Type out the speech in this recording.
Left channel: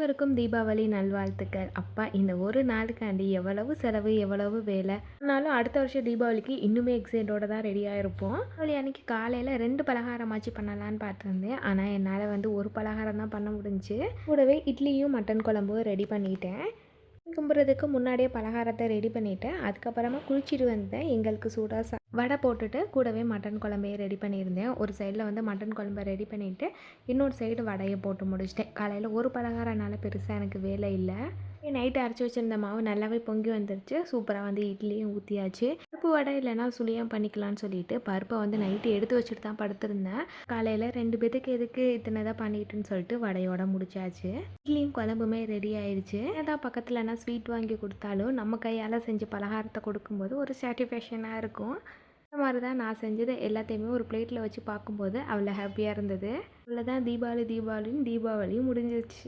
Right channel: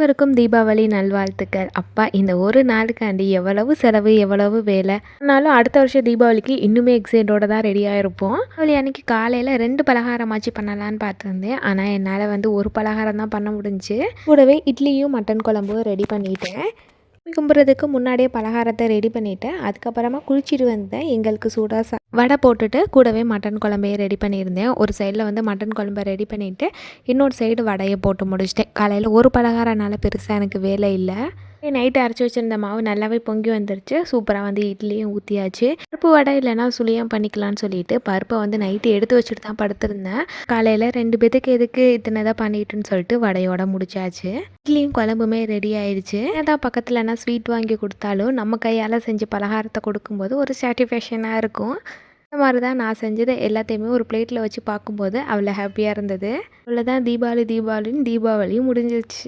அனைவருக்கும் தீபாவளி நல்வாழ்த்துக்கள். அப்பா இந்த ஒரு நாளுக்காண்டி எவ்வளவு செலவு, எவ்வளவு வேலை. ஆனாலும் அடுத்த வருஷம் தீபாவளிக்கு இன்னுமே எக்ஸைட்டோட தான் ரெடியாக இருப்போம். தீபாவளி அன்னைக்கு காலையில் 2 பலகாரமாச்சு பண்ணலான்னு பார்த்துருந்தேன். ஆனால் என்னால் வந்து ஒரு பலகாரம் தான் பண்ண முடிஞ்சுச்சு. கூடவே இட்லியும் மட்டன் குழம்பும் ரெடி பண்ணிட்டேன். சாமி கும்பிட்றதுக்கு முன்னாடியே பலகாரத்தை ரெடி பண்ணிவிட்டேன். அதுக்கப்புறமா குளிச்சுட்டு வந்தேன். எங்களுக்கு சூடாக வடை போட்டுட்டு கூடவே மட்டன் குழம்பையே ரெடி பண்ணியிருந்தேன். ஒரு சைடில் வந்து மட்டன் குழம்பை ரெடி பண்ணிவிட்டு இன்னொரு சைடு வடையை போட்டு முடிச்சிட்டேன். காலையில் ஒரு பலகாரனால பெருசாக எனக்கு வேலை இல்லை. நைட்டு அரைச்சி வச்சுருந்த மாவு நல்லாவே பொங்கி வந்துருச்சு. சூப்பராக வந்து இட்லியும் ஊற்றியாச்சு. பருப்பு வடை இல்லைனா சுழியம் பண்ணிக்கலான்னு சொல்லிட்டு பருப்பை வந்து நைட்டு எடுத்து வச்சுட்டு தான் படுத்திருந்தேன். காலையில் 2 பேத்துக்கு எதுக்கு இத்தனை தான் பண்ணிட்டுன்னு சொல்லிட்டு வடையோட முடிச்சாச்சு. இட்லியும் குழம்புமே ரெடி ஆயிடுச்சு. ஏதாவது பக்கத்துலனா ஸ்வீட் வாங்கி கொடுத்தாலும் நம்ம கையால் செஞ்சு பலகாரத்தை கொடுக்கும்போது ஒரு சாட்டிஸ்ஃபேக்ஷனாக இருக்கும். இந்த மாதிரி தான் நான் செஞ்சது எல்லாத்தையுமே ஒரு பிளேட்டில் வச்சு பார்க்கும்போது அவ்வளோ ஹாப்பியாக இருந்தது. அவ்வளோதான், தீபாவளின்னு தீபாவளியும் முடிஞ்சிருச்சு.